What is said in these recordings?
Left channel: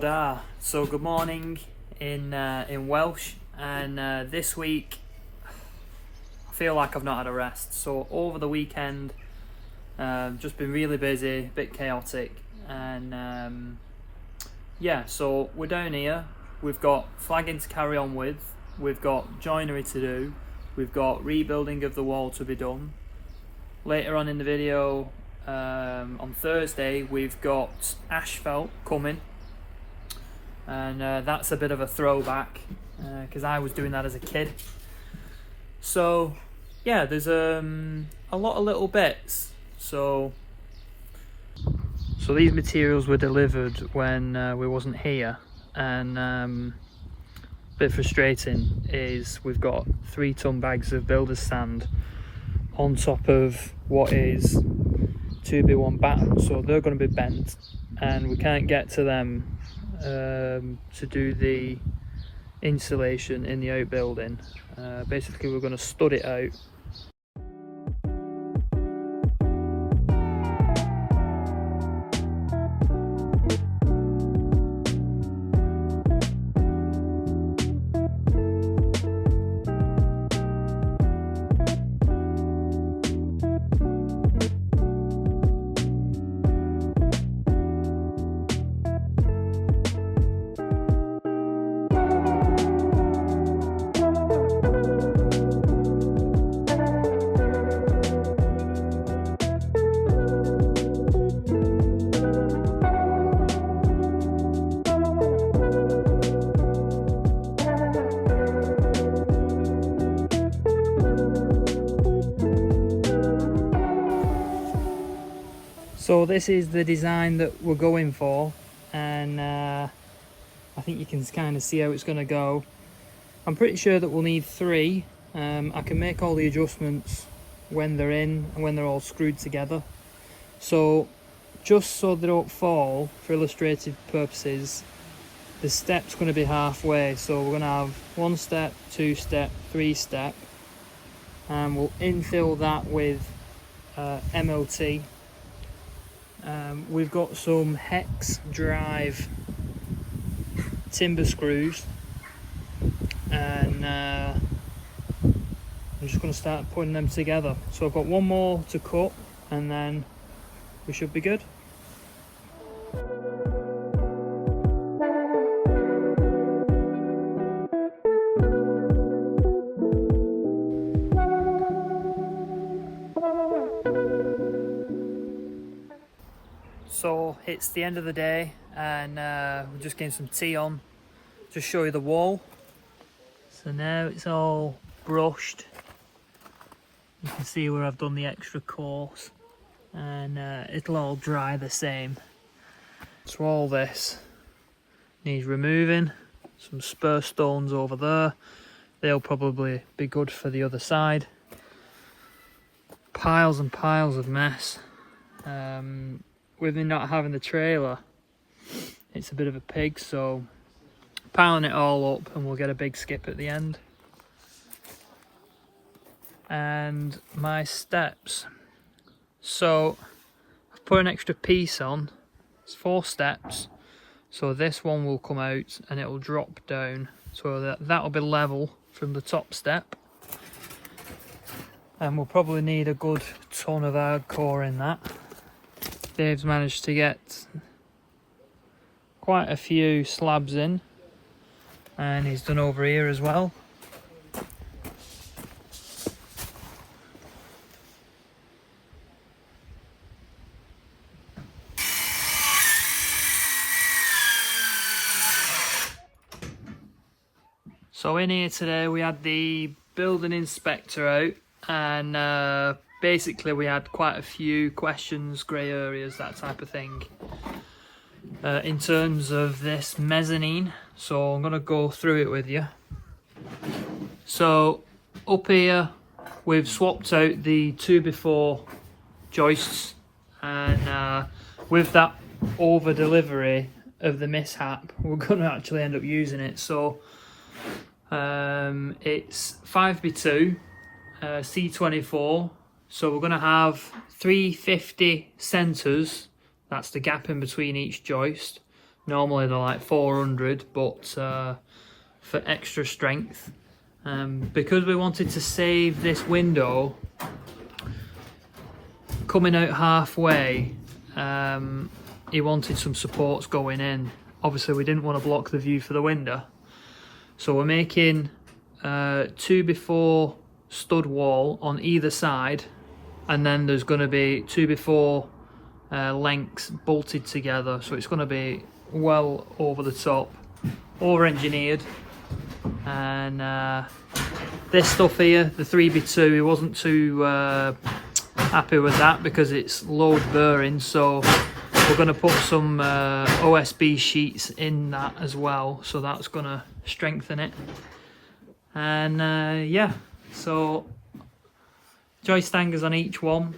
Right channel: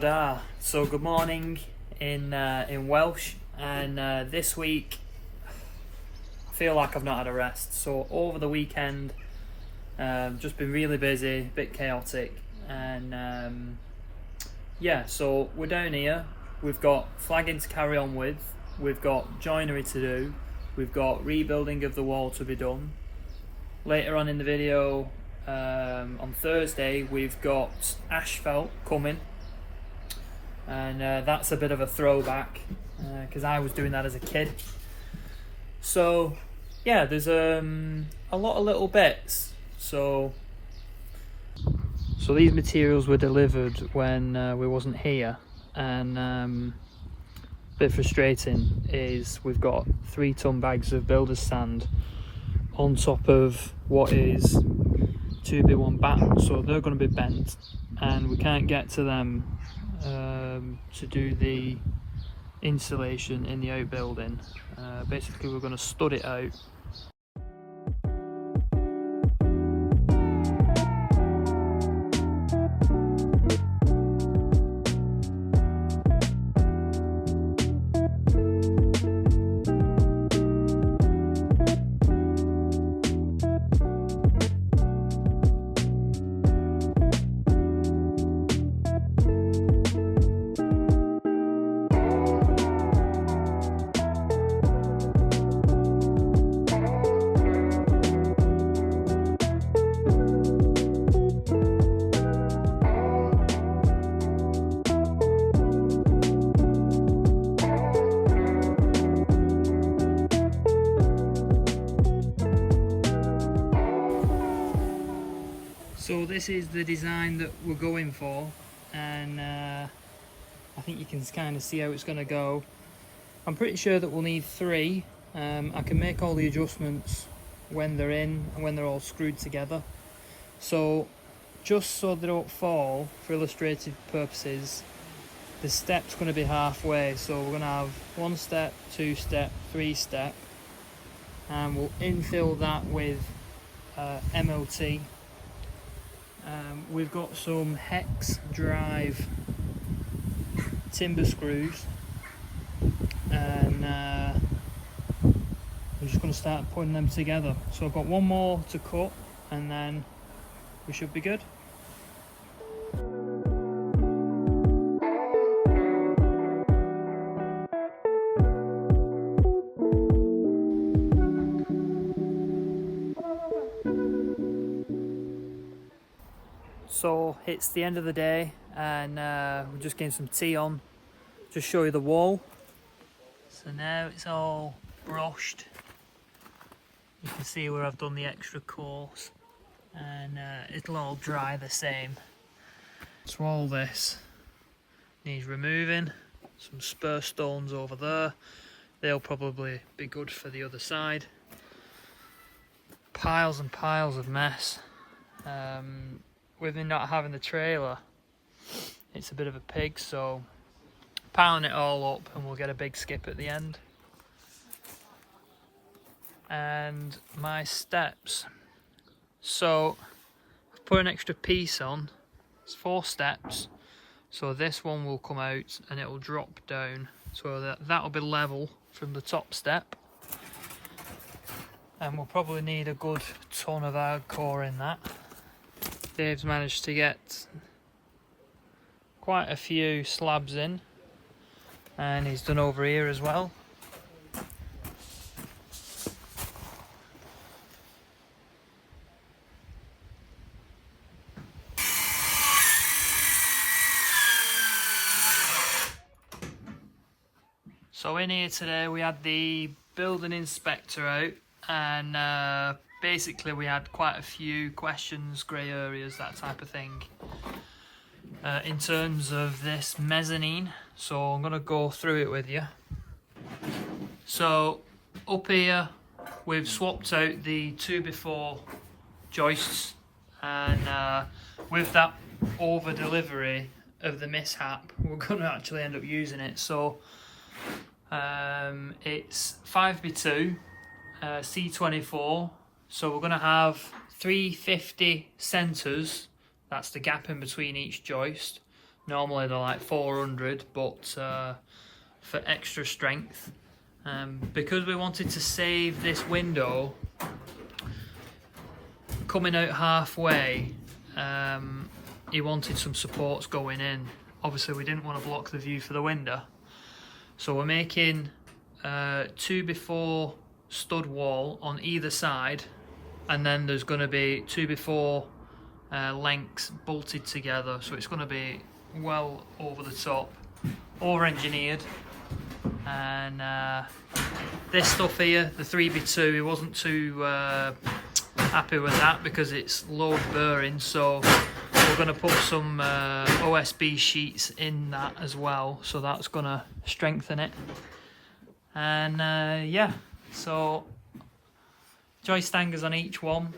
Toda. So good morning in Welsh, and this week I feel like I've not had a rest. So over the weekend, just been really busy, a bit chaotic, and yeah. So we're down here. We've got flagging to carry on with. We've got joinery to do. We've got rebuilding of the wall to be done. Later on in the video, on Thursday, we've got asphalt coming, and that's a bit of a throwback because I was doing that as a kid. So yeah, there's a lot of little bits. So these materials were delivered when we wasn't here, and a bit frustrating is we've got 3-ton bags of builder's sand on top of what is 2B1 batten, so they're going to be bent and we can't get to them to do the insulation in the outbuilding. Basically we're going to stud it out. So this is the design that we're going for, and I think you can kind of see how it's going to go. I'm pretty sure that we'll need 3. I can make all the adjustments when they're in and when they're all screwed together. So just so they don't fall, for illustrative purposes, the step's going to be halfway. So we're going to have 1 step, 2 step, 3 step, and we'll infill that with MLT. We've got some hex drive timber screws, and I'm just going to start putting them together. So I've got 1 more to cut and then we should be good. So it's the end of the day, and we're just getting some tea on. Just show you the wall. So now it's all brushed. You can see where I've done the extra course, and it'll all dry the same. So all this needs removing. Some spur stones over there. They'll probably be good for the other side. Piles and piles of mess. With me not having the trailer, it's a bit of a pig, so piling it all up and we'll get a big skip at the end. And my steps, so I've put an extra piece on. It's 4 steps, so this one will come out and it will drop down, so that'll be level from the top step. And we'll probably need a good ton of hardcore in that. Dave's managed to get quite a few slabs in, and he's done over here as well. So in here today we had the building inspector out, and basically we had quite a few questions, grey areas, that type of thing, in terms of this mezzanine. So I'm going to go through it with you. So up here we've swapped out the 2x4 joists, and with that over delivery of the mishap, we're going to actually end up using it. So it's 5x2 C24. So we're going to have 350 centres, that's the gap in between each joist, Normally they're like 400, but for extra strength. Because we wanted to save this window coming out halfway, he wanted some supports going in. Obviously we didn't want to block the view for the window, so we're making 2x4 stud wall on either side, and then there's going to be 2x4 lengths bolted together, so it's going to be well over the top, over engineered. And this stuff here, the 3x2, he wasn't too happy with that because it's load bearing, so we're going to put some OSB sheets in that as well, so that's going to strengthen it. And yeah, so joist hangers on each one.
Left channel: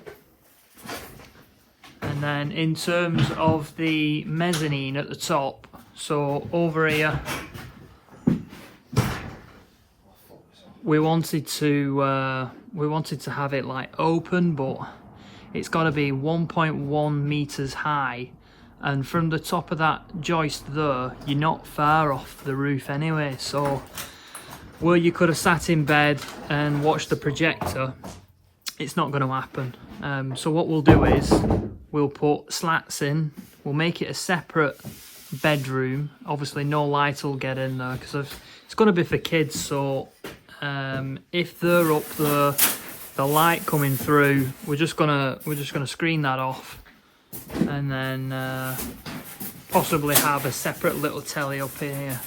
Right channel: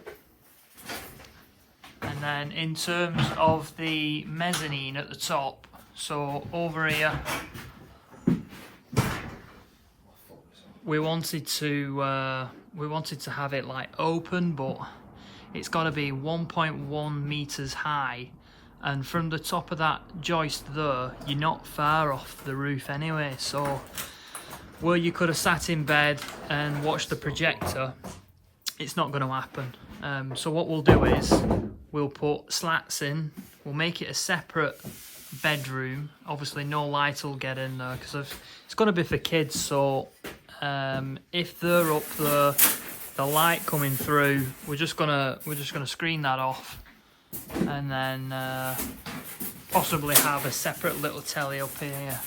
And then in terms of the mezzanine at the top, so over here we wanted to have it like open, but it's got to be 1.1 meters high, and from the top of that joist there, you're not far off the roof anyway, so where you could have sat in bed and watched the projector, it's not going to happen. So what we'll do is we'll put slats in, we'll make it a separate bedroom. Obviously no light will get in there because it's going to be for kids, so if they're up there, the light coming through, we're just gonna screen that off, and then possibly have a separate little telly up here.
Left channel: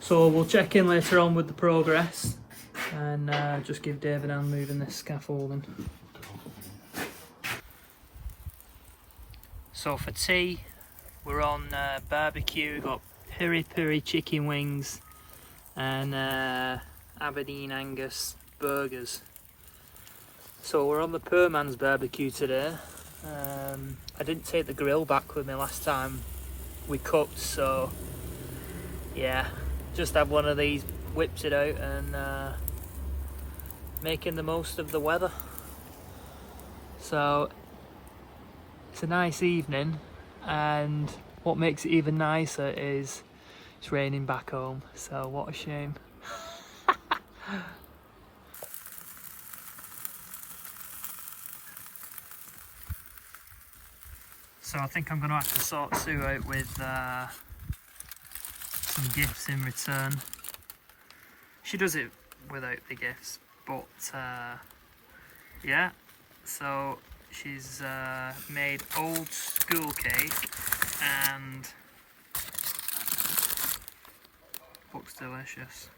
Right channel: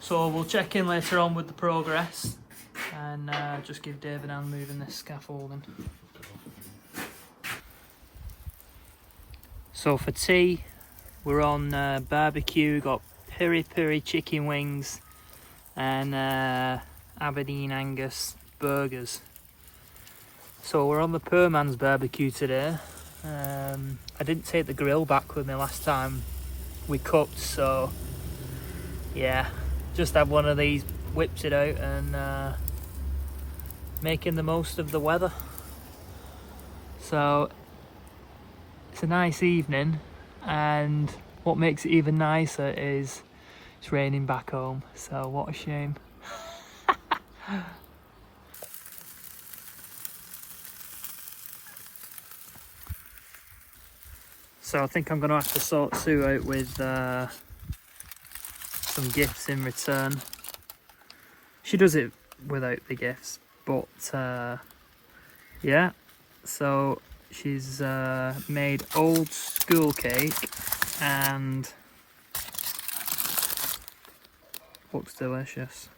So we'll check in later on with the progress, and just give David a hand moving this scaffolding. So for tea, we're on barbecue. Got piri chicken wings and Aberdeen Angus burgers. So we're on the poor man's barbecue today. I didn't take the grill back with me last time we cooked, so yeah, just have one of these, whipped it out, and making the most of the weather. So it's a nice evening, and what makes it even nicer is it's raining back home, so what a shame. So I think I'm going to have to sort Sue out with some gifts in return. She does it without the gifts, but yeah, so she's made old school cake and looks delicious.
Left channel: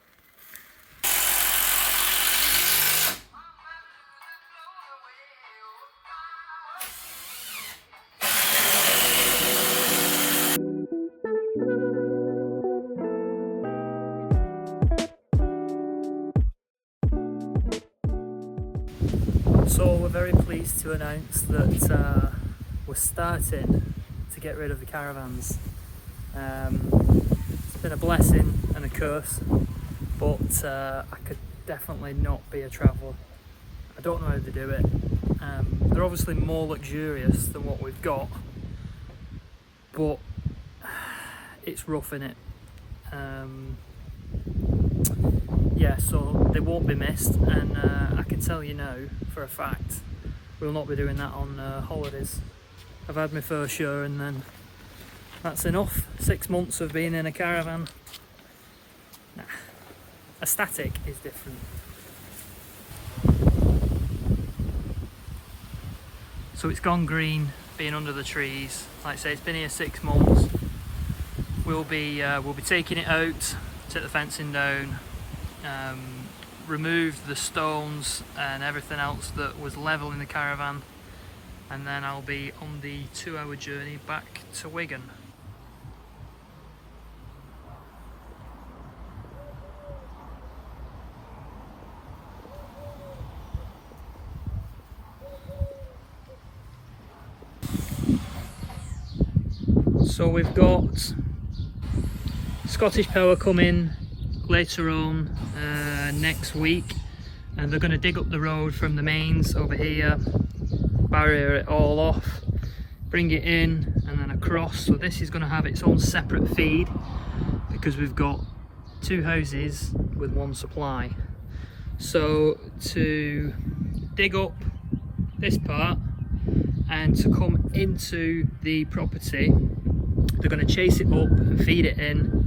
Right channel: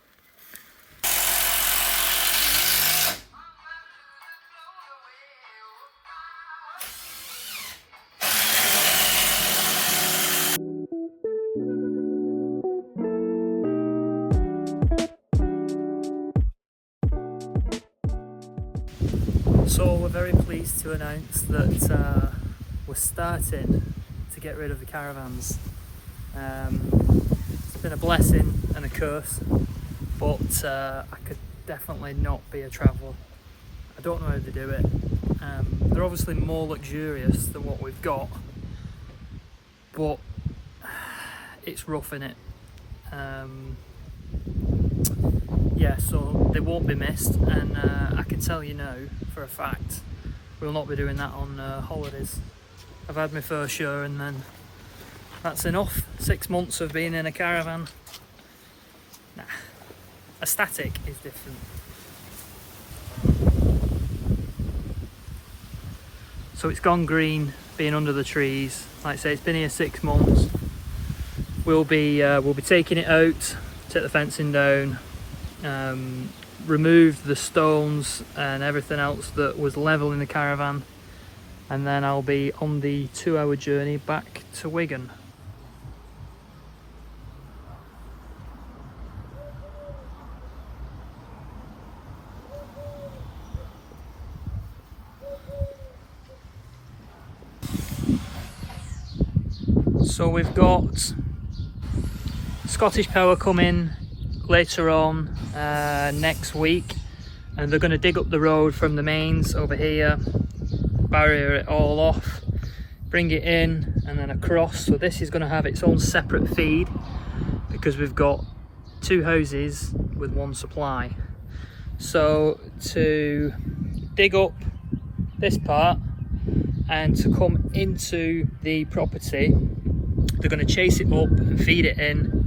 So we're very pleased to announce that we're starting to get rid of the caravans. It's been a blessing and a curse, but I could definitely not be a traveller. I don't know how they do it. They're obviously more luxurious than what we've got, but it's rough in it. Yeah, so they won't be missed, and I can tell you now for a fact we'll not be doing that on holidays. I've had my first year, and then that's enough. 6 months of being in a caravan. Nah, a static is different. So it's gone green, being under the trees. Like I say, it's been here 6 months. We'll be taking it out, take the fencing down, remove the stones and everything else that was level in the caravan, and then I'll be on the 2-hour journey back to Wigan. So we've got Scottish Power coming later on next week, and they're going to dig up the road from the mains over here, barrier it all off, bring it in, and then across. So this is going to have its own separate feed because we've got 2 hoses with 1 supply. So to dig up this part and to come into the property, they're going to chase it up and feed it in.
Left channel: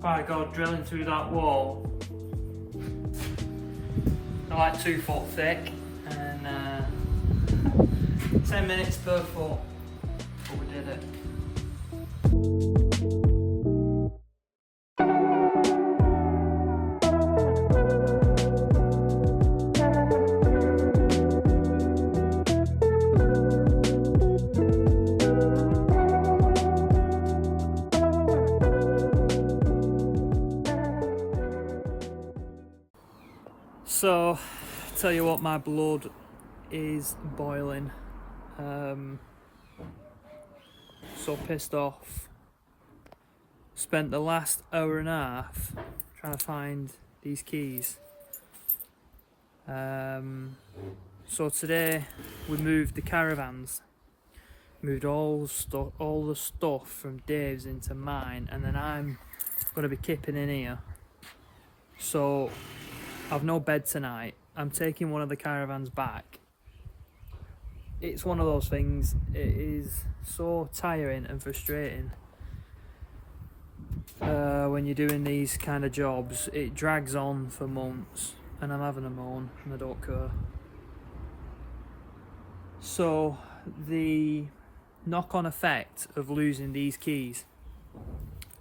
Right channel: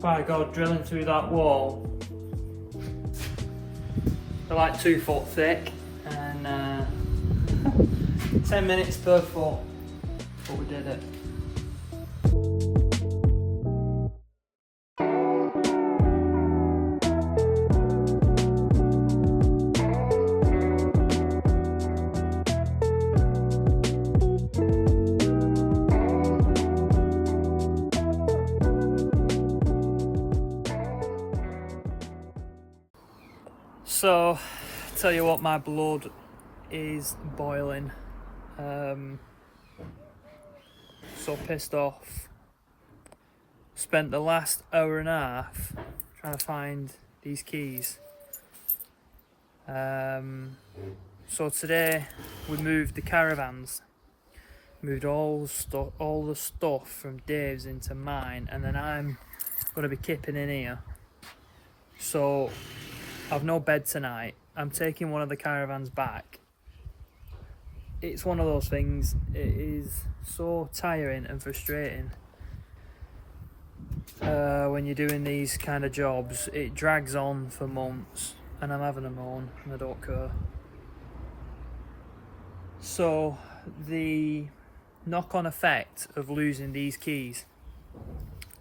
By God, drilling through that wall. They're like 2 foot thick, and 10 minutes per foot, but we did it. So, tell you what, my blood is boiling. So pissed off. Spent the last hour and a half trying to find these keys. So today we moved the caravans, moved all the stuff from Dave's into mine, and then I'm going to be kipping in here. So I've no bed tonight. I'm taking one of the caravans back. It's one of those things, it is so tiring and frustrating when you're doing these kind of jobs. It drags on for months and I'm having a moan and I don't care. So the knock-on effect of losing these keys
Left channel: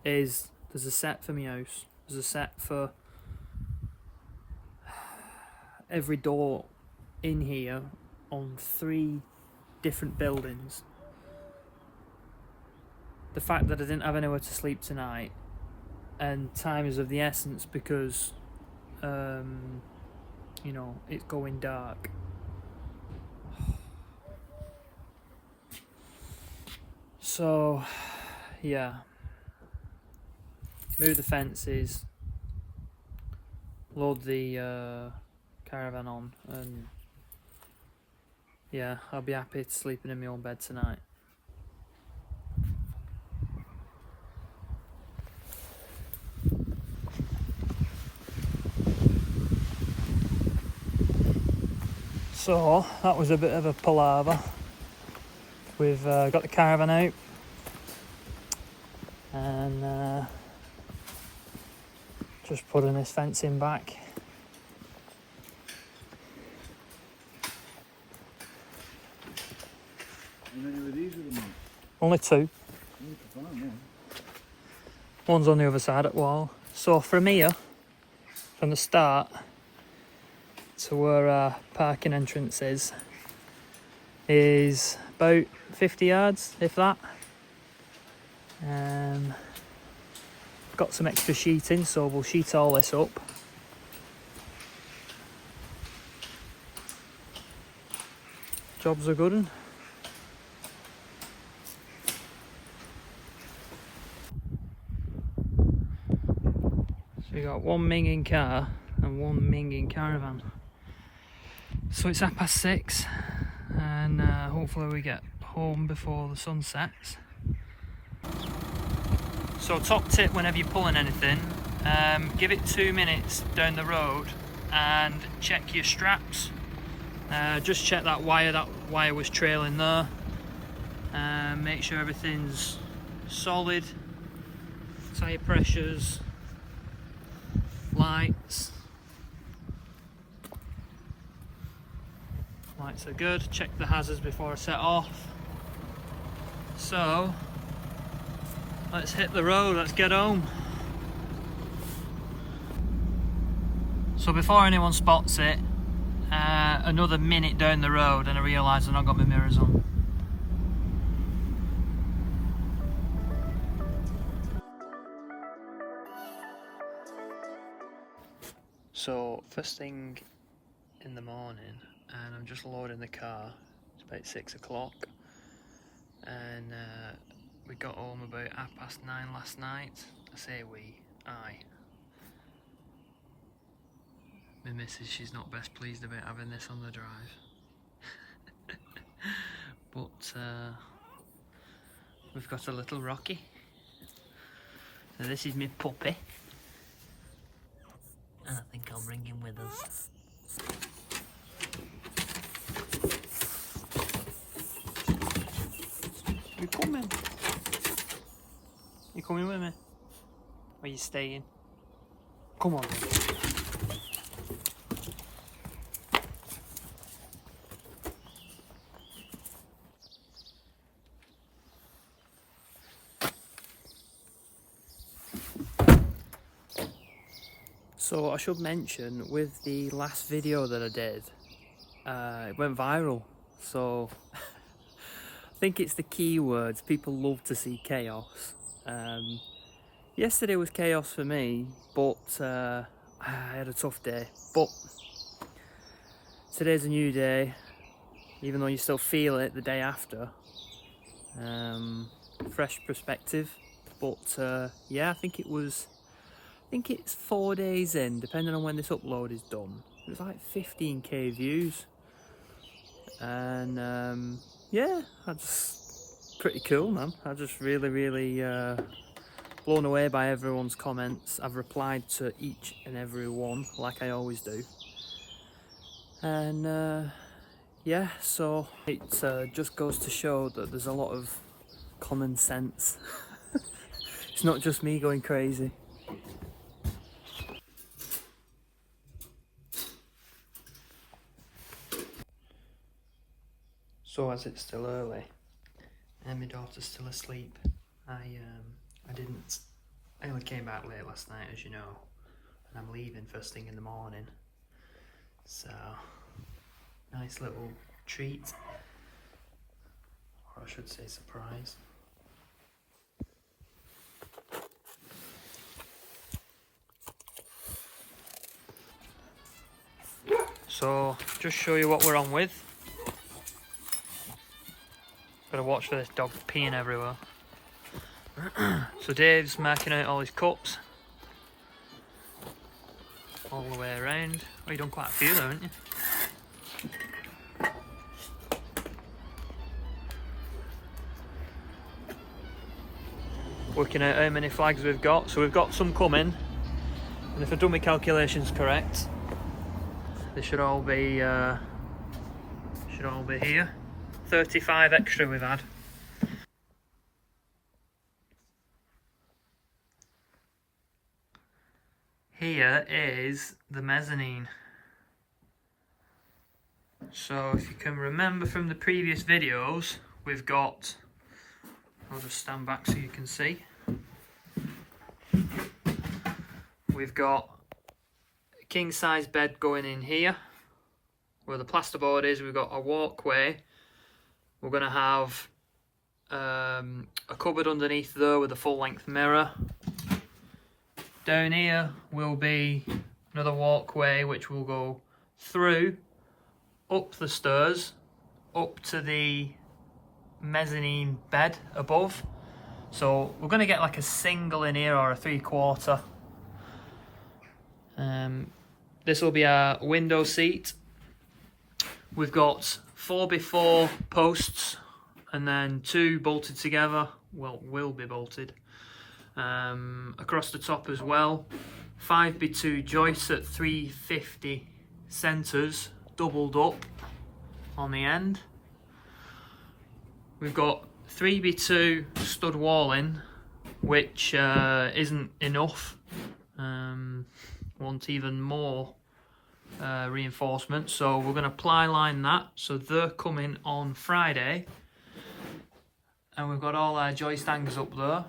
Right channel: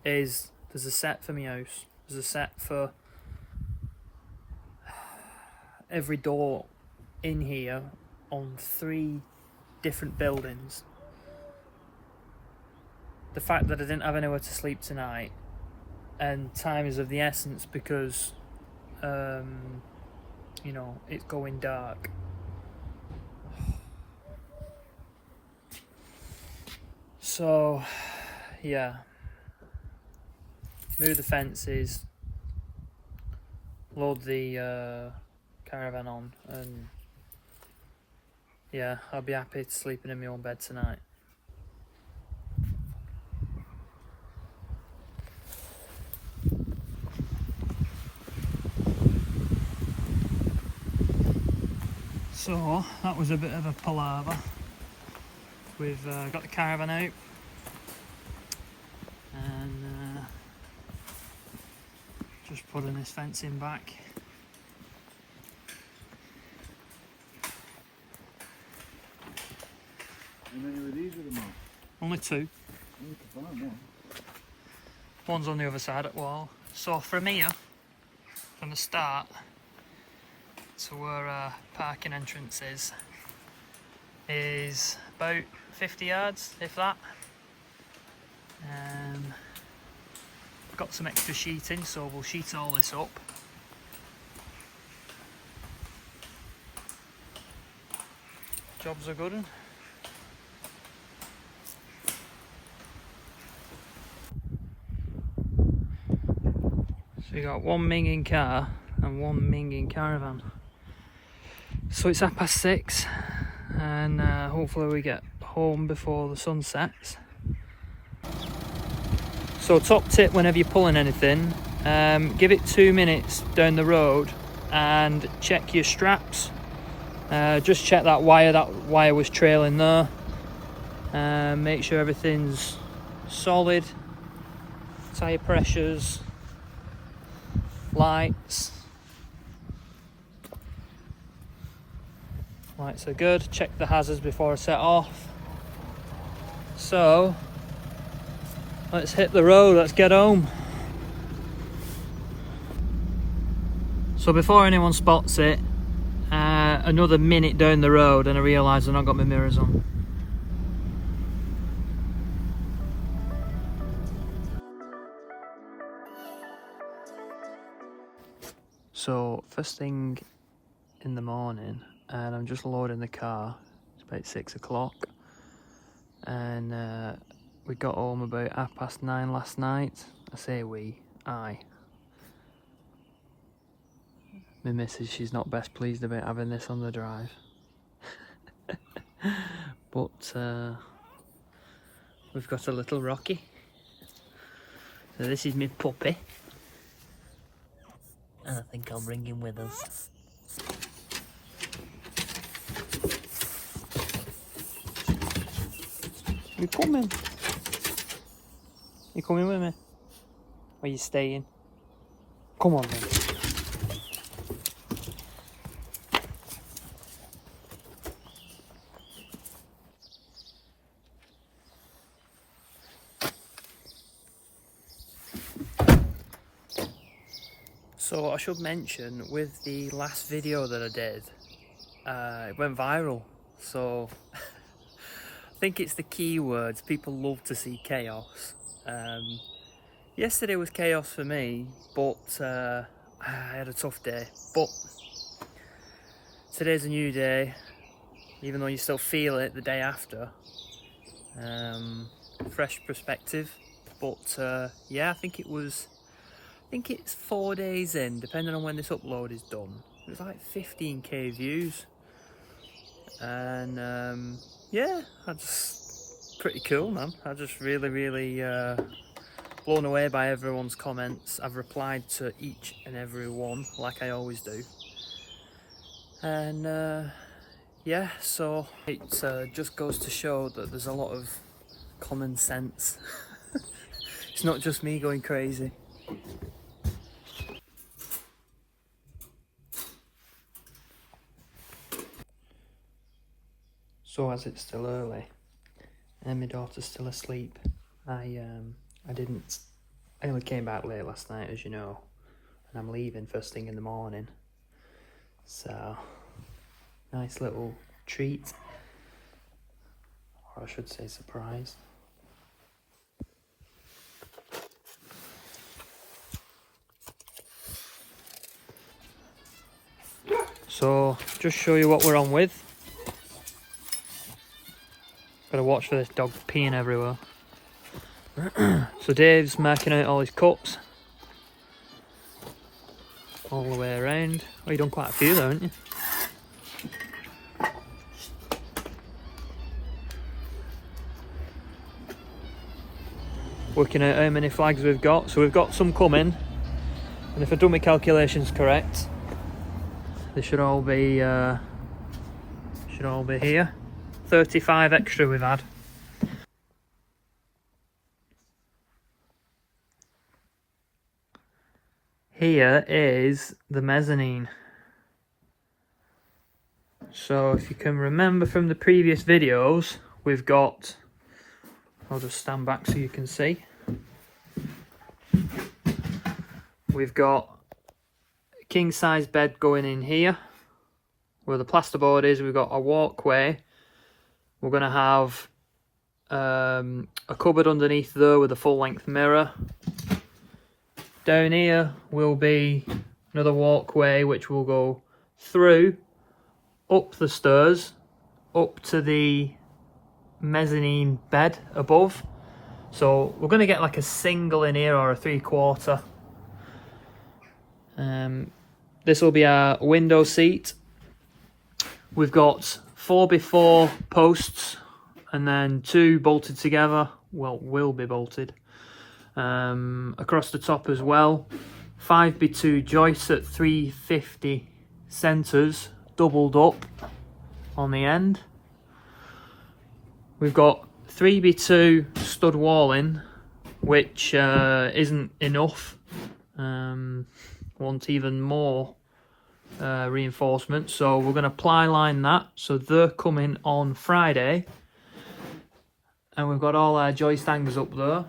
is there's a set for my house, there's a set for every door in here on 3 different buildings. The fact that I didn't have anywhere to sleep tonight, and time is of the essence because you know, it's going dark. So yeah, move the fences, load the caravan on, and yeah, I'll be happy to sleeping in my own bed tonight. So that was a bit of a palaver. We've got the caravan out and just putting this fencing back. Only 2. One's on the other side at the wall. So from here, from the start to where our parking entrance is about 50 yards, if that. Got some extra sheeting, so we'll sheet all this up. Jobs are good. So you got 1 minging car and 1 minging caravan. So it's 6:30 and hopefully we get home before the sun sets. So top tip whenever you're pulling anything, give it 2 minutes down the road and check your straps. Just check that wire was trailing there. Make sure everything's solid, tyre pressures, lights are good. Check the hazards before I set off. So let's hit the road, let's get home. So before anyone spots it, another minute down the road and I realise I've not got my mirrors on. So first thing in the morning and I'm just loading the car. It's about 6 o'clock and we got home about 9:30 last night. I say I. My missus, she's not best pleased about having this on the drive. But we've got a little Rocky. So this is my puppy. And I think I'll bring him with us. You coming? You coming with me? Or are you staying? Come on then. So I should mention, with the last video that I did, it went viral. So I think it's the keywords. People love to see chaos. Yesterday was chaos for me, but I had a tough day. But today's a new day, even though you still feel it the day after. Fresh perspective. But yeah, I think it's 4 days in, depending on when this upload is done. It was like 15k views. And yeah, pretty cool, man. I just really blown away by everyone's comments. I've replied to each and every one, like I always do. And yeah, so it just goes to show that there's a lot of common sense. It's not just me going crazy. So as it's still early and my daughter's still asleep, I only came back late last night, as you know, and I'm leaving first thing in the morning. So nice little treat, or I should say surprise. So just show you what we're on with. Gotta watch for this dog peeing everywhere. So Dave's marking out all his cups all the way around. Oh, you've done quite a few though, haven't you? Working out how many flags we've got. So we've got some coming, and if I've done my calculations correct, they should all be here. 35 extra we've had. Here is the mezzanine. So if you can remember from the previous videos, we've got, I'll just stand back so you can see. We've got a king size bed going in here where the plasterboard is. We've got a walkway. We're going to have a cupboard underneath there with a full length mirror. Down here will be another walkway which will go through, up the stairs, up to the mezzanine bed above. So we're going to get like a single in here or a 3/4. This will be our window seat. We've got 4x4 posts and then 2 bolted together. Well, will be bolted. Across the top as well. 5x2 joists at 350 centres, doubled up on the end. We've got 3x2 stud walling, which isn't enough. Want even more reinforcement, so we're going to ply line that. So they're coming on Friday, and we've got all our joist hangers up there.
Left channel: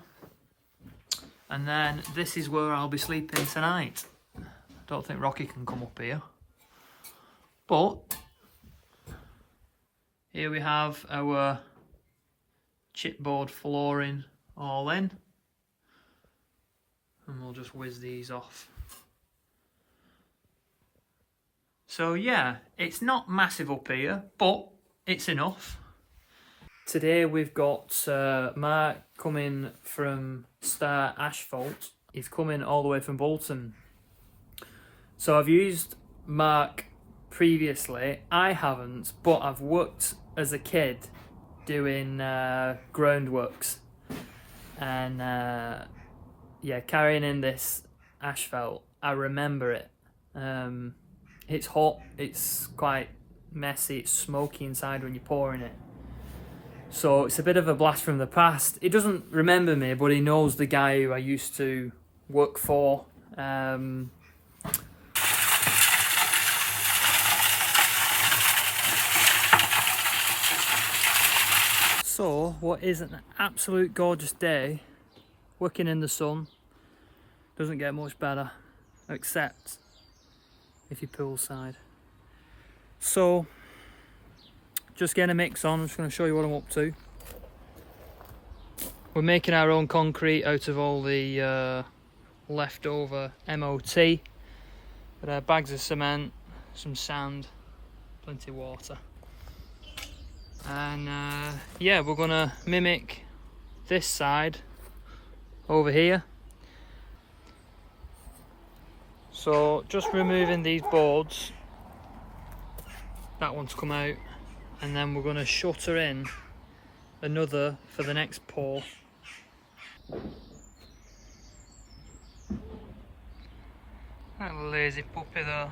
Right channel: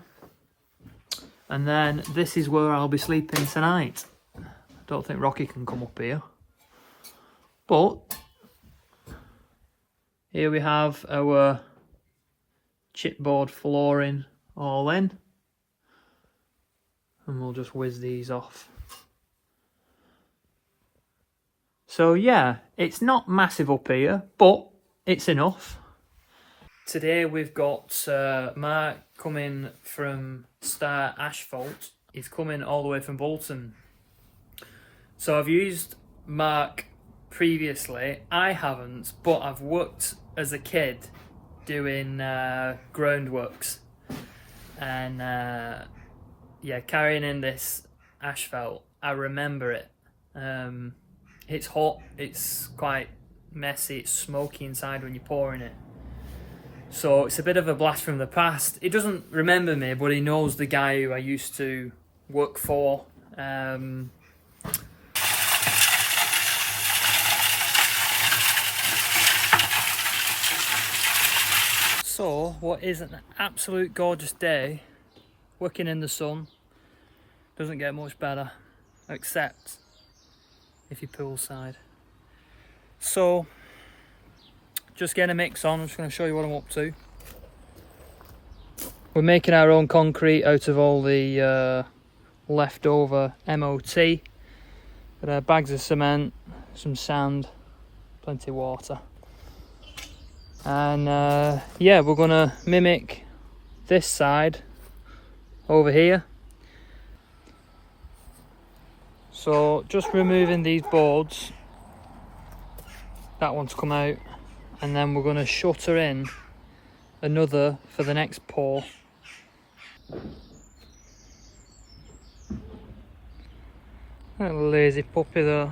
And then this is where I'll be sleeping tonight. I don't think Rocky can come up here, but here we have our chipboard flooring all in, and we'll just whiz these off. So yeah, it's not massive up here, but it's enough. Today we've got Mark coming from Star Asphalt. He's coming all the way from Bolton. So I've used Mark previously. I haven't, but I've worked as a kid doing groundworks. And yeah, carrying in this asphalt, I remember it. It's hot, it's quite messy, it's smoky inside when you're pouring it. So it's a bit of a blast from the past. He doesn't remember me, but he knows the guy who I used to work for. So what is an absolute gorgeous day, working in the sun, doesn't get much better, except if you're poolside. So just getting a mix on. I'm just going to show you what I'm up to. We're making our own concrete out of all the leftover MOT. Got bags of cement, some sand, plenty of water. And yeah, we're going to mimic this side over here. So just removing these boards. That one's come out. And then we're going to shutter in another for the next pour. That lazy puppy though.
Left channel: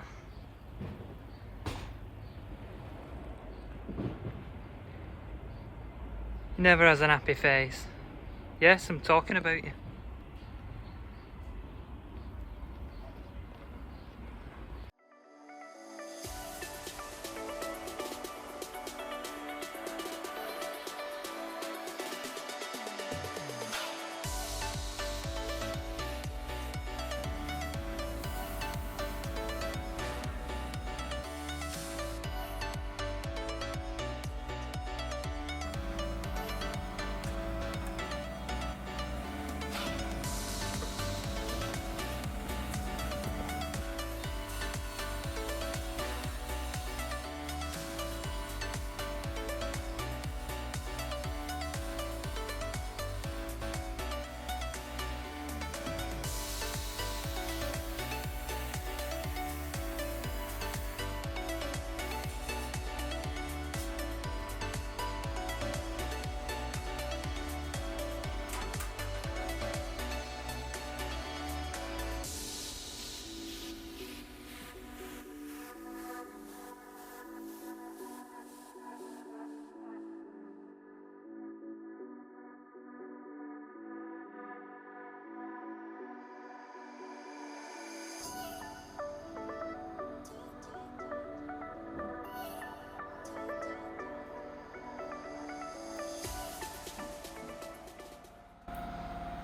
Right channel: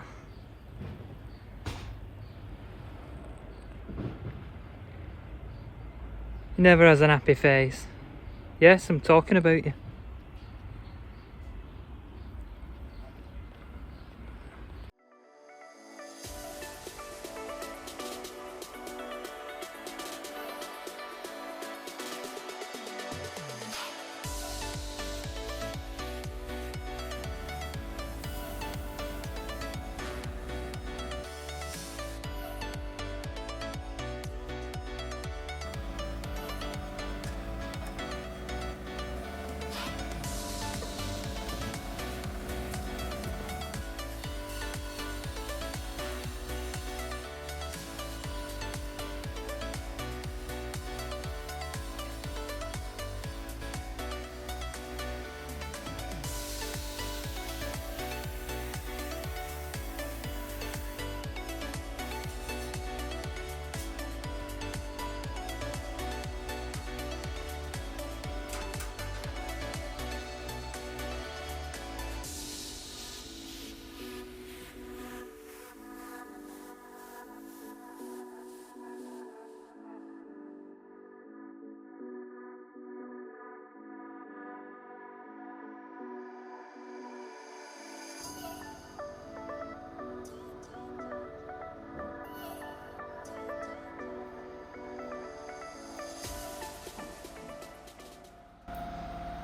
He never has an happy face. Yes, I'm talking about you.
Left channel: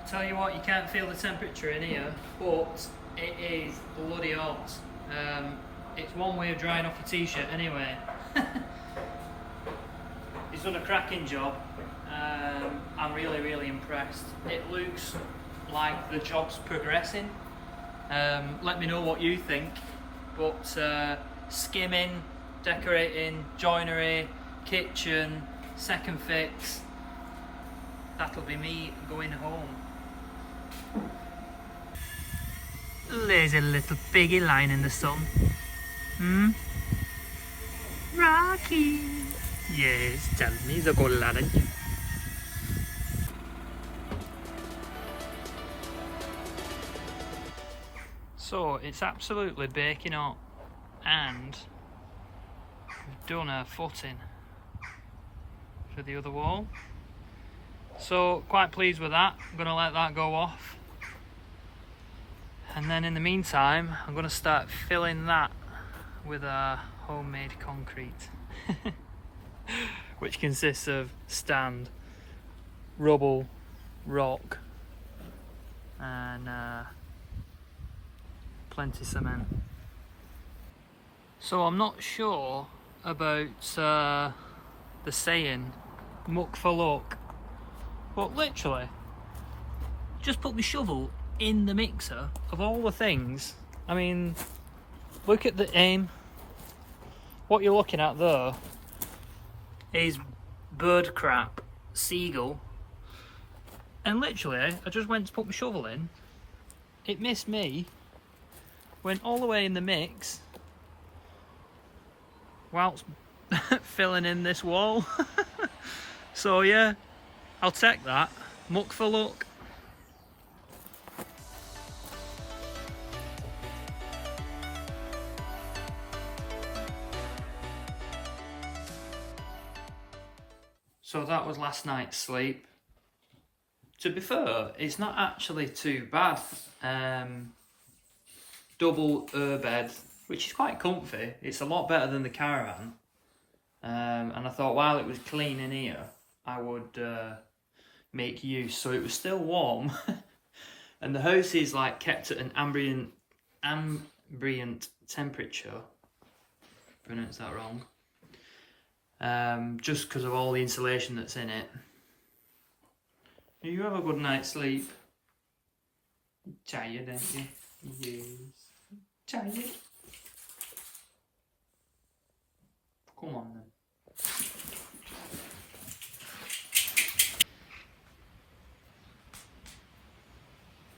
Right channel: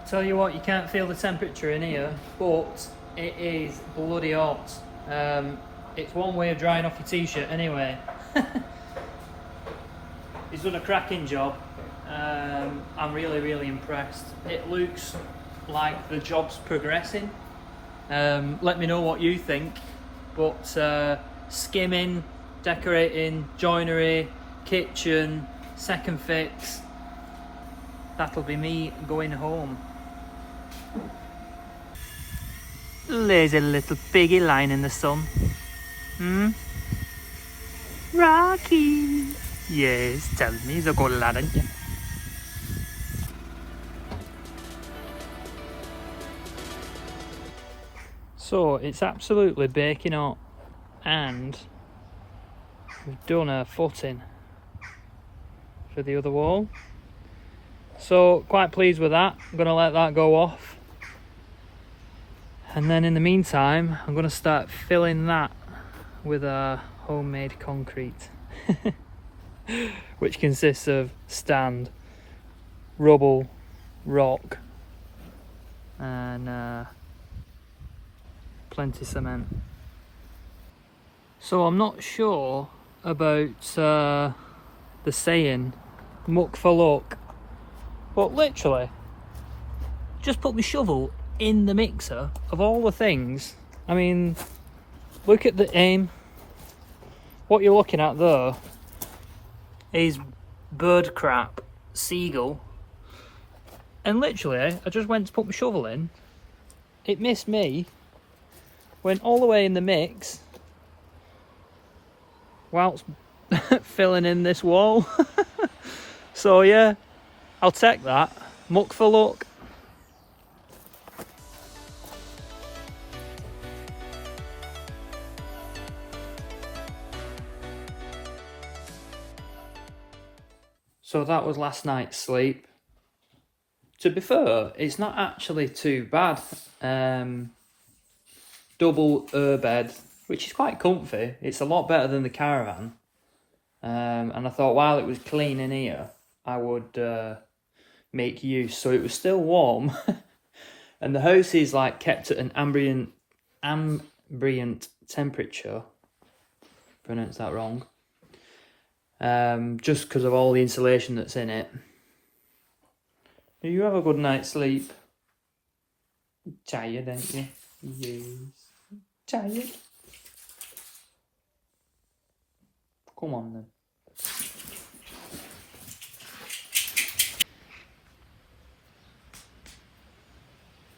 Tell you what, you can't feel the temperature in here, but it is bloody hot. It's one way of drying off your t-shirt anyway. He's done a cracking job. I'm really impressed. It looks like the job's progressing. Let me know what you think. But skimming, decorating, joinery, kitchen, second fix. That'll be me going home. Lazy little piggy lying in the sun. Rocky! Yes, tell me he's a good lad, isn't he? So it's absolutely baking hot, and we've done a footing for the other wall. So quite pleased with that. I'm going to let that go off. And then in the meantime, I'm going to start filling that with our homemade concrete, which consists of stand, rubble, rock, and plenty of cement. So I'm not sure about the saying, muck for luck, but literally, just put my shovel in the mixer. Of all the things, I mean, look at the aim. What you're looking at there is bird crap seagull, and literally I just went to put my shovel in, it missed me, went all the way in the mix whilst filling in this wall. So yeah, I'll take that, muck for luck. So that was last night's sleep. To be fair, it's not actually too bad. Double bed, which is quite comfy. It's a lot better than the Caravan. And I thought while it was clean in here, I would make use. So it was still warm. And the house is like kept at an ambient temperature. Pronounced that wrong. Just because of all the insulation that's in it. You have a good night's sleep. Tired, ain't you? Yes. Tired. Come on then.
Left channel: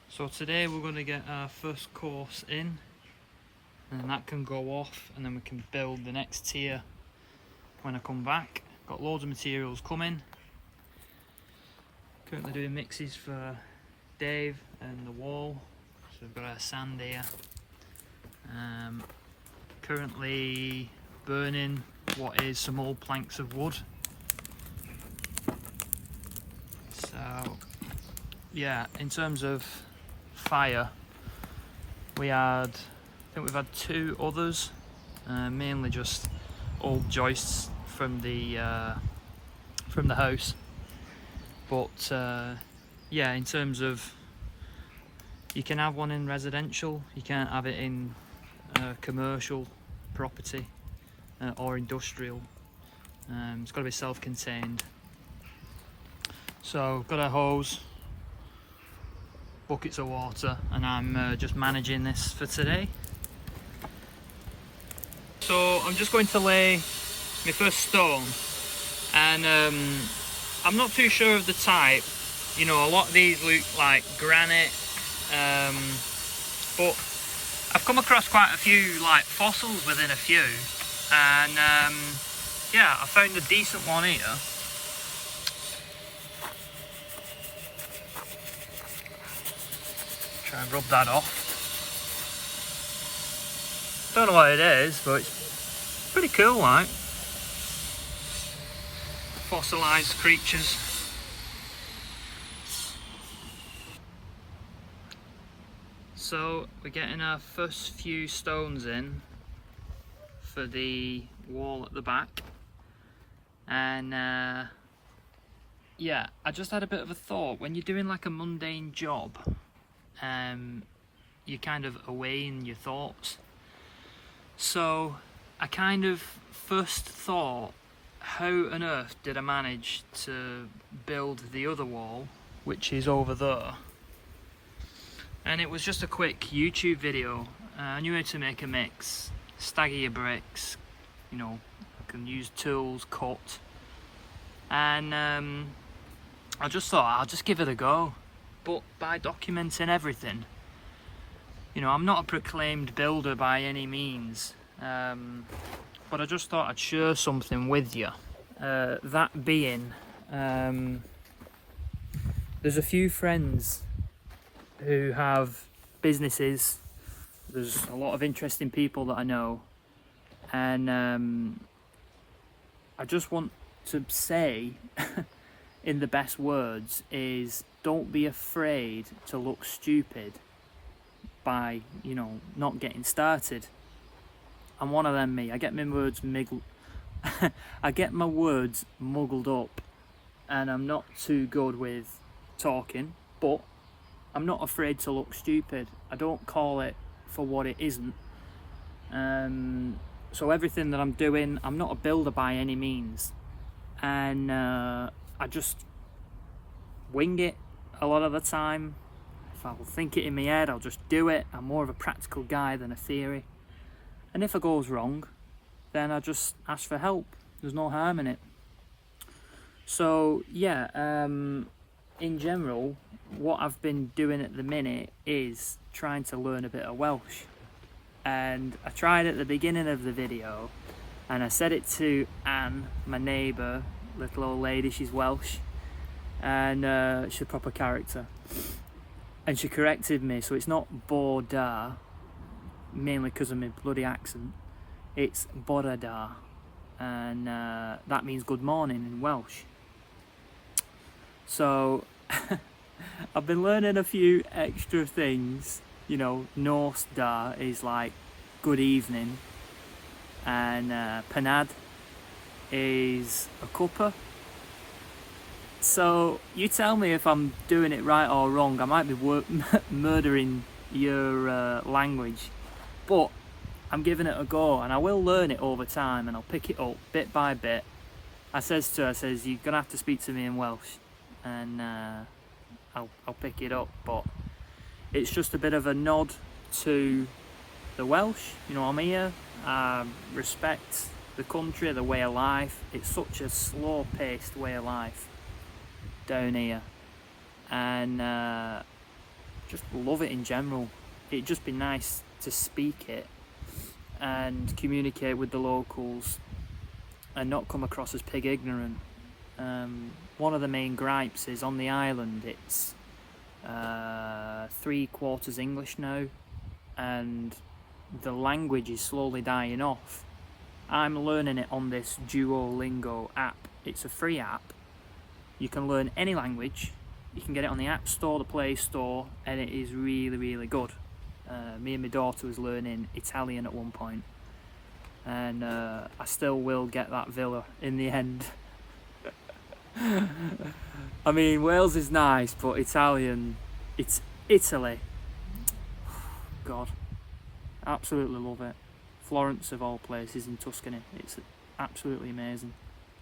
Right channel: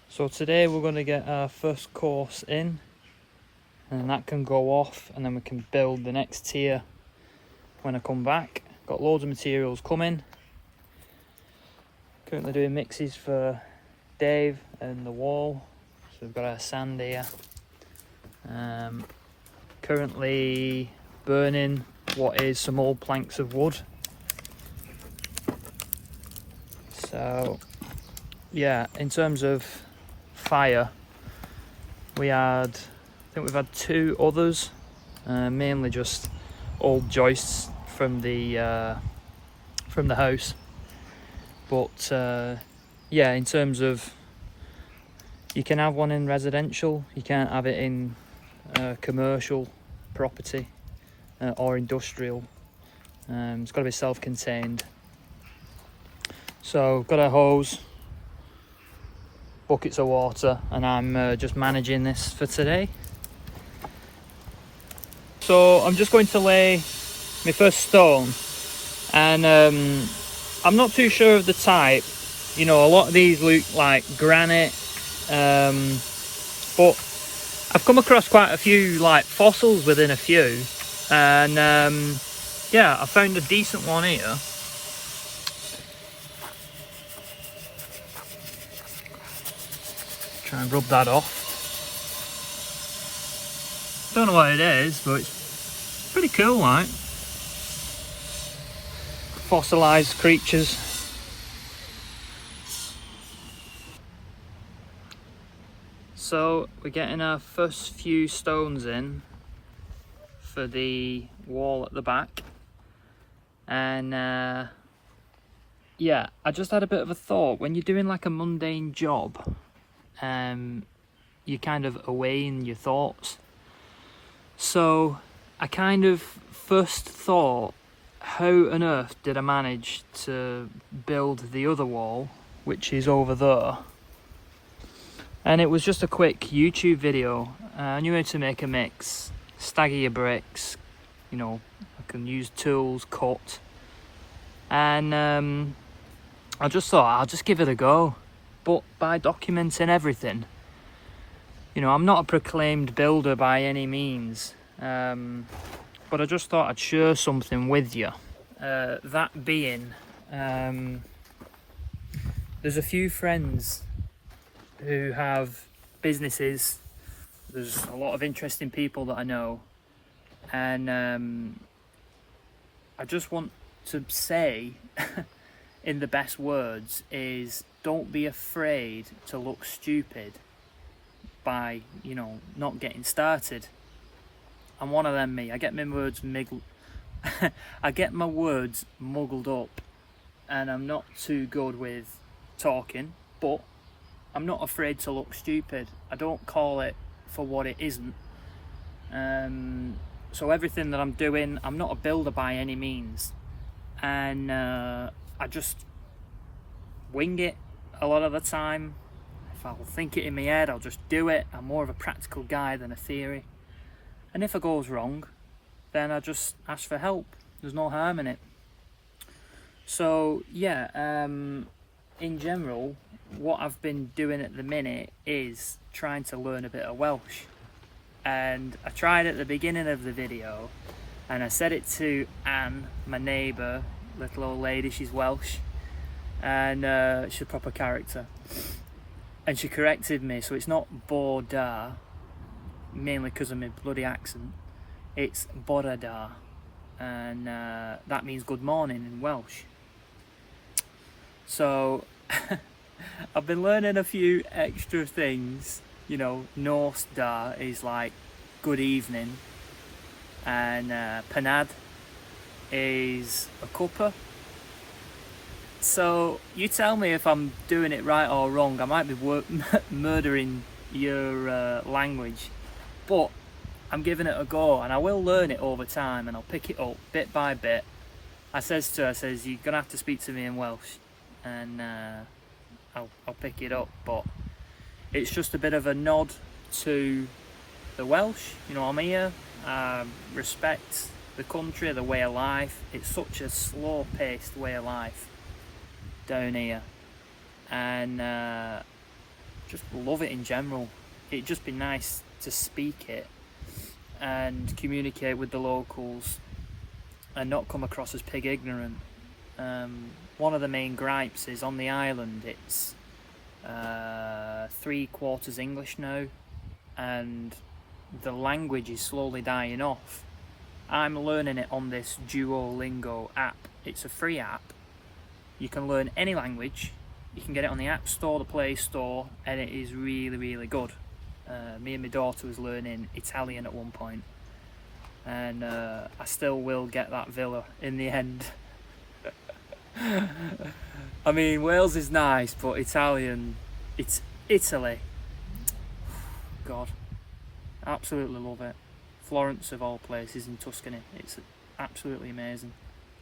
So today we're going to get our first course in, and that can go off, and then we can build the next tier when I come back. Got loads of materials coming. Currently doing mixes for Dave and the wall. So we've got our sand here. Currently burning what is some old planks of wood. So yeah, in terms of fire, I think we've had 2 others, mainly just old joists from the house. But yeah, in terms of, you can have one in residential, you can't have it in commercial property or industrial. It's got to be self-contained. So got a hose, buckets of water, and I'm just managing this for today. So I'm just going to lay my first stone, and I'm not too sure of the type. You know, a lot of these look like granite, but I've come across quite a few like fossils within a few, and yeah, I found a decent one here. Try and rub that off. Don't know what it is, but it's pretty cool, like. Fossilised creatures. So we're getting our first few stones in for the wall at the back, and yeah, I just had a bit of a thought. When you're doing like a mundane job, you're kind of away in your thoughts. So I kind of first thought, how on earth did I manage to build the other wall, which is over there? And it was just a quick YouTube video. I knew how to make a mix, stagger your bricks, you know, I can use tools, cut, and I just thought I'll just give it a go. But by documenting everything, you know, I'm not a proclaimed builder by any means, but I just thought I'd share something with you. That being, there's a few friends who have businesses. There's a lot of interesting people that I know, and I just want to say in the best words is, don't be afraid to look stupid by, you know, not getting started. I'm one of them, me. I get my words I get my words muggled up, and I'm not too good with talking, but I'm not afraid to look stupid. I don't call it for what it isn't. So everything that I'm doing, I'm not a builder by any means, and I just wing it a lot of the time. If I'll think it in my head, I'll just do it. I'm more of a practical guy than a theory, and if it goes wrong, then I just ask for help. There's no harm in it. So yeah, in general, what I've been doing at the minute is trying to learn a bit of Welsh. And I tried at the beginning of the video, and I said it to Anne, my neighbour, little old lady. She's Welsh, and she's a proper character. And she corrected me, so it's not Borda, mainly because of my bloody accent. It's Borada, and that means good morning in Welsh. So I've been learning a few extra things. You know, Norse da is like good evening, and Panad is a cuppa. So you tell me if I'm doing it right or wrong. I might be murdering your language, but I'm giving it a go, and I will learn it over time, and I'll pick it up bit by bit. I says to her, you're gonna have to speak to me in Welsh, and I'll pick it up. But it's just a bit of a nod to the Welsh. You know, I'm here, respect the country, the way of life. It's such a slow-paced way of life down here, and just love it in general. It'd just be nice to speak it and communicate with the locals and not come across as pig ignorant. One of the main gripes is on the island it's 3/4 English now, and the language is slowly dying off. I'm learning it on this Duolingo app. It's a free app. You can learn any language. You can get it on the App Store, the Play Store, and it is really, really good. Me and my daughter was learning Italian at one point, and I still will get that villa in the end. I mean, Wales is nice, but Italian, it's Italy. God, absolutely love it. Florence of all places in Tuscany, it's absolutely amazing.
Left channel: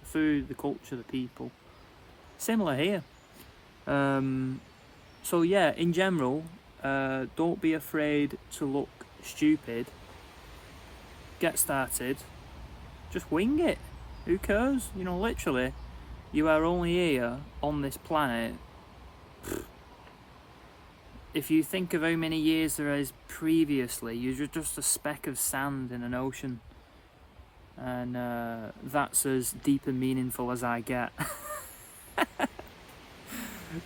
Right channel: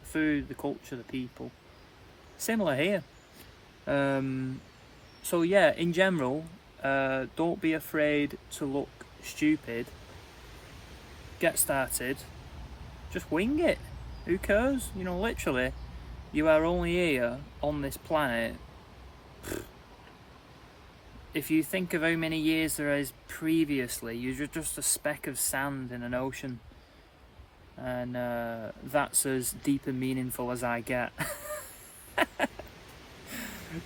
The food, the culture, the people. Similar here. So yeah, in general, don't be afraid to look stupid. Get started. Just wing it. Who cares? You know, literally, you are only here on this planet. If you think of how many years there is previously, you're just a speck of sand in an ocean. And that's as deep and meaningful as I get.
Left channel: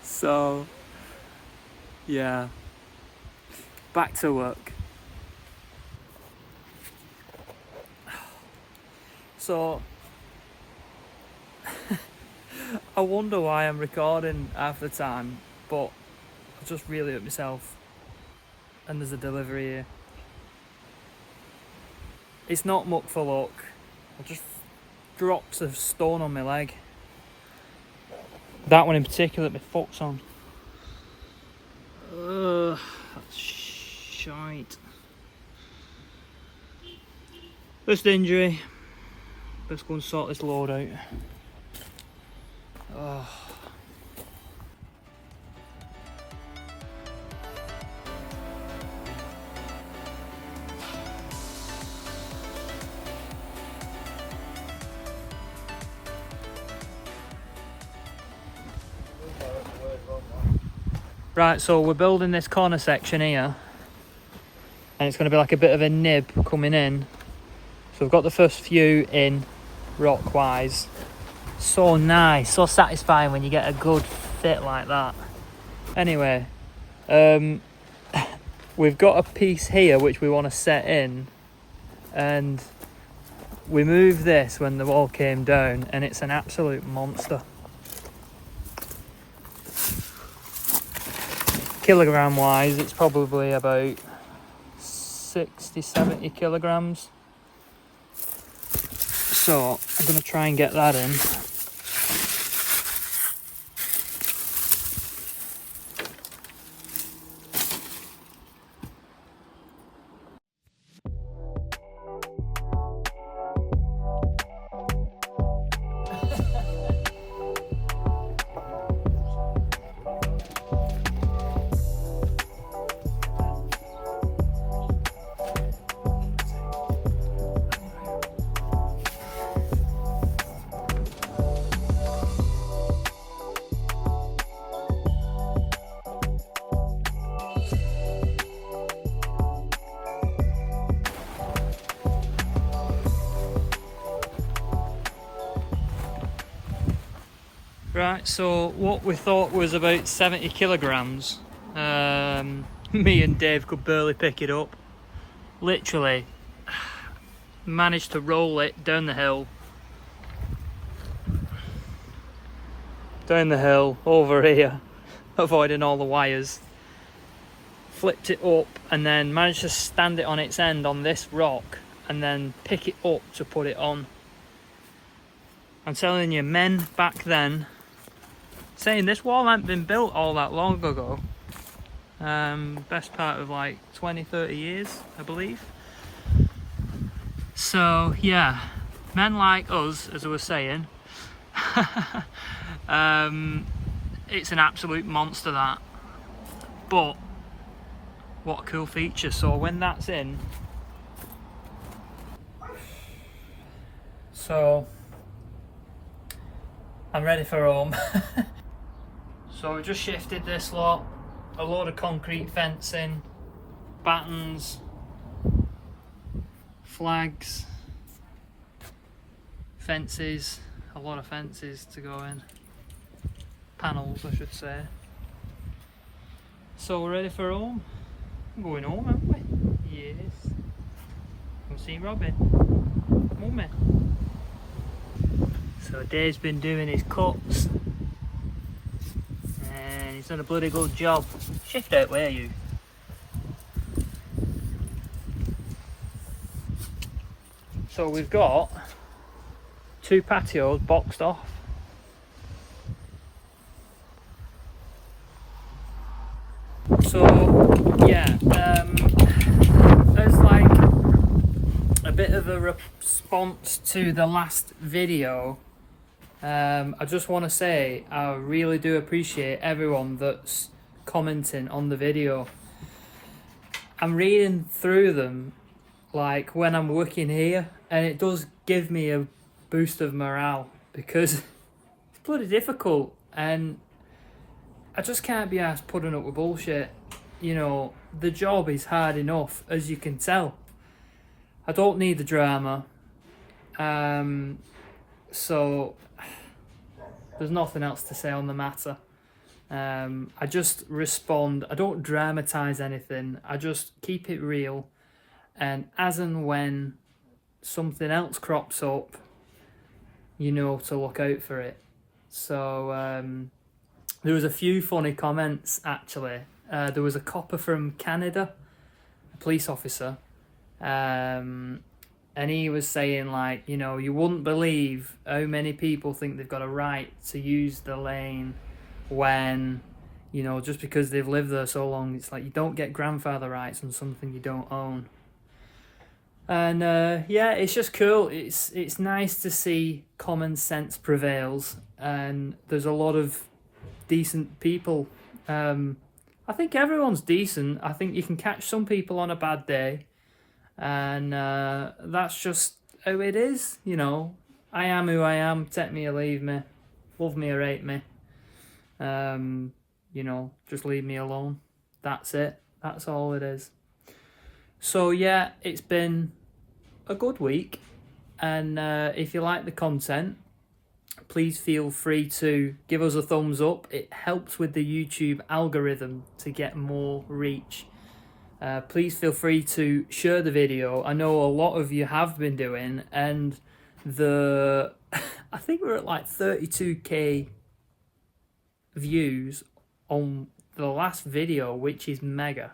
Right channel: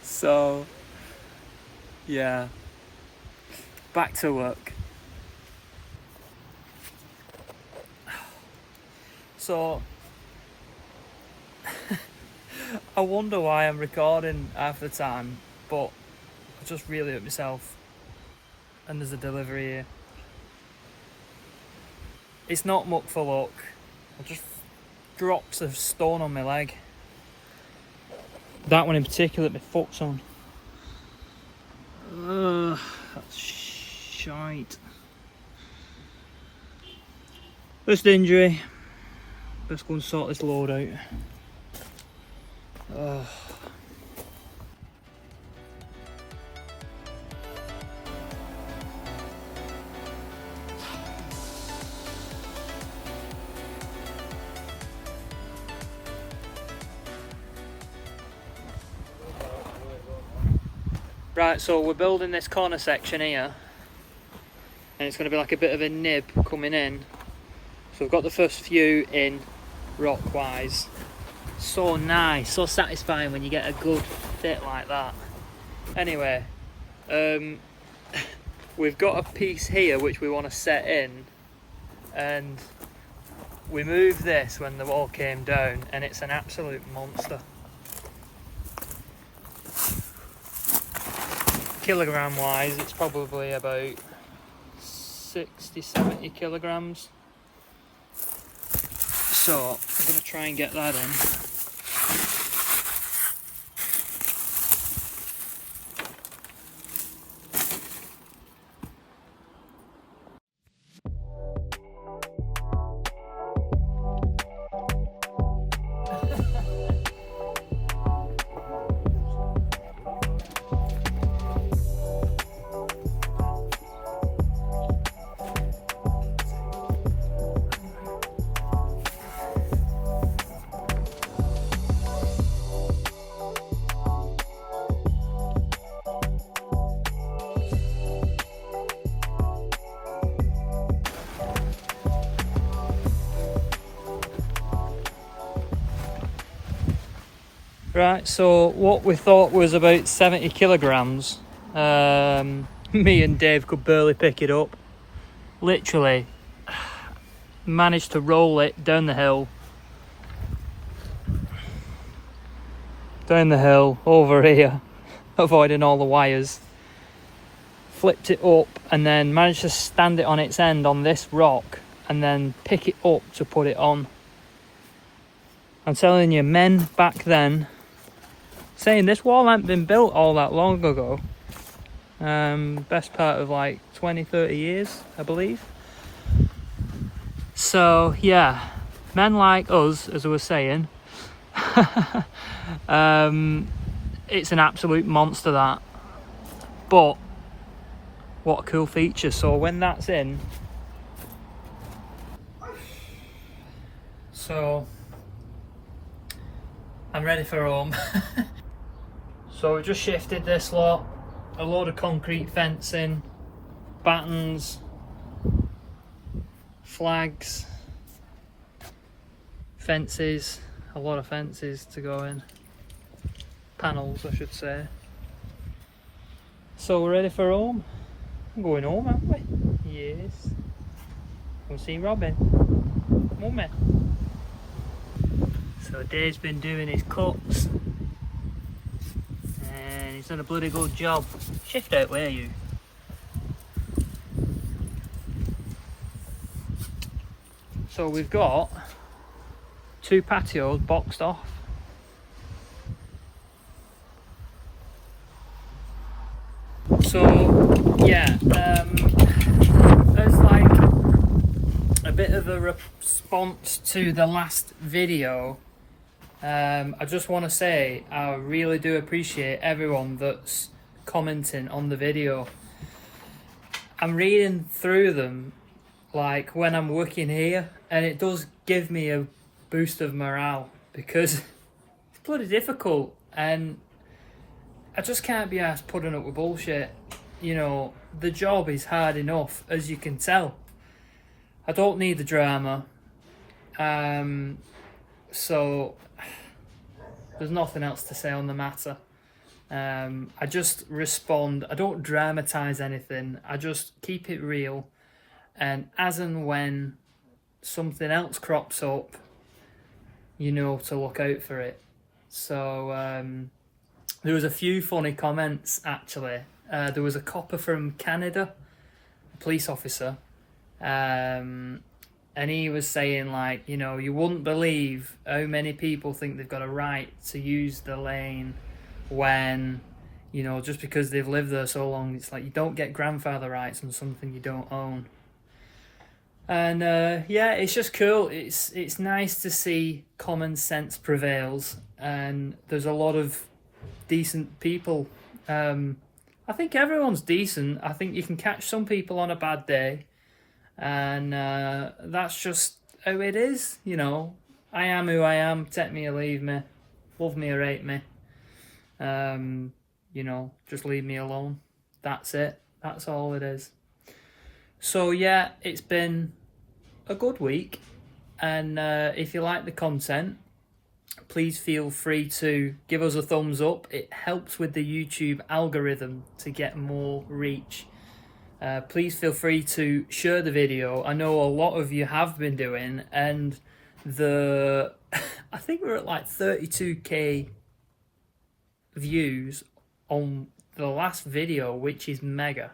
So yeah, back to work. So I wonder why I'm recording half the time, but I just really hurt myself, and there's a delivery here. It's not muck for luck. I just dropped a stone on my leg. That one in particular, my foot's on. That's shite. First injury. Let's go and sort this load out. Right, so we're building this corner section here, and it's going to be like a bit of a nib coming in. So we've got the first few in rock wise. So nice, so satisfying when you get a good fit like that. Anyway, we've got a piece here which we want to set in, and we moved this when the wall came down, and it's an absolute monster. Kilogram wise, it's probably about 60-70 kilograms. So I'm going to try and get that in. Right, so what we thought was about 70 kilograms, me and Dave could barely pick it up. Literally managed to roll it down the hill, over here, avoiding all the wires, flipped it up, and then managed to stand it on its end on this rock and then pick it up to put it on. I'm telling you, men back then saying this wall hadn't been built all that long ago, best part of like 20-30 years, I believe. So yeah, men like us, as I was saying, it's an absolute monster, that. But what a cool feature. So when that's in, so I'm ready for home. So we just shifted this lot, a load of concrete fencing, battens, flags, fences, a lot of fences to go in, panels I should say. So we're ready for home. I'm going home, aren't we? Yes. We'll see Robin. Mummy. So Dave's been doing his cuts and he's done a bloody good job. Shift out, where are you? So we've got 2 patios boxed off. So yeah, as like a bit of a response to the last video, I just want to say I really do appreciate everyone that's commenting on the video. I'm reading through them like when I'm working here, and it does give me a boost of morale, because it's bloody difficult and I just can't be arsed putting up with bullshit. You know, the job is hard enough, as you can tell. I don't need the drama. So there's nothing else to say on the matter. I just respond. I don't dramatise anything. I just keep it real. And as and when something else crops up, you know to look out for it. So there was a few funny comments actually. There was a copper from Canada, a police officer, and he was saying, like, you know, you wouldn't believe how many people think they've got a right to use the lane when, you know, just because they've lived there so long. It's like you don't get grandfather rights on something you don't own. And yeah, it's just cool. It's nice to see common sense prevails, and there's a lot of decent people. I think everyone's decent. I think you can catch some people on a bad day, and that's just how it is, you know. I am who I am, take me or leave me, love me or hate me. You know, just leave me alone. That's it. That's all it is. So yeah, it's been a good week, and if you like the content, please feel free to give us a thumbs up. It helps with the YouTube algorithm to get more reach. Please feel free to share the video. I know a lot of you have been doing, and I think we're at like 32k views on the last video, which is mega.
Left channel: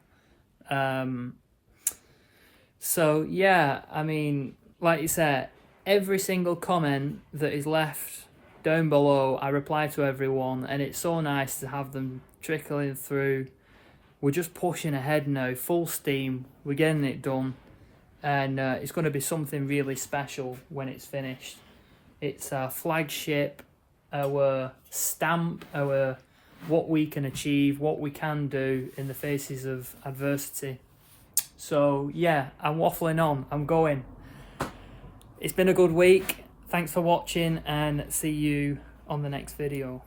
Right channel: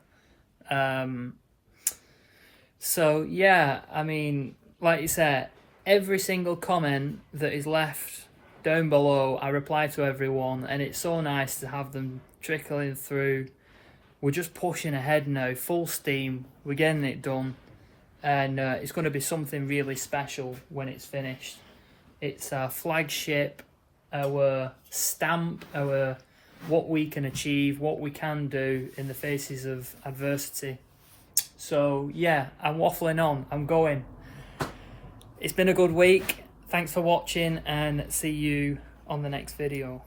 So yeah, I mean, like you said, every single comment that is left down below, I reply to everyone, and it's so nice to have them trickling through. We're just pushing ahead now, full steam. We're getting it done, and it's going to be something really special when it's finished. It's our flagship, our stamp, our what we can achieve, what we can do in the faces of adversity. So yeah, I'm waffling on, I'm going. It's been a good week. Thanks for watching, and see you on the next video.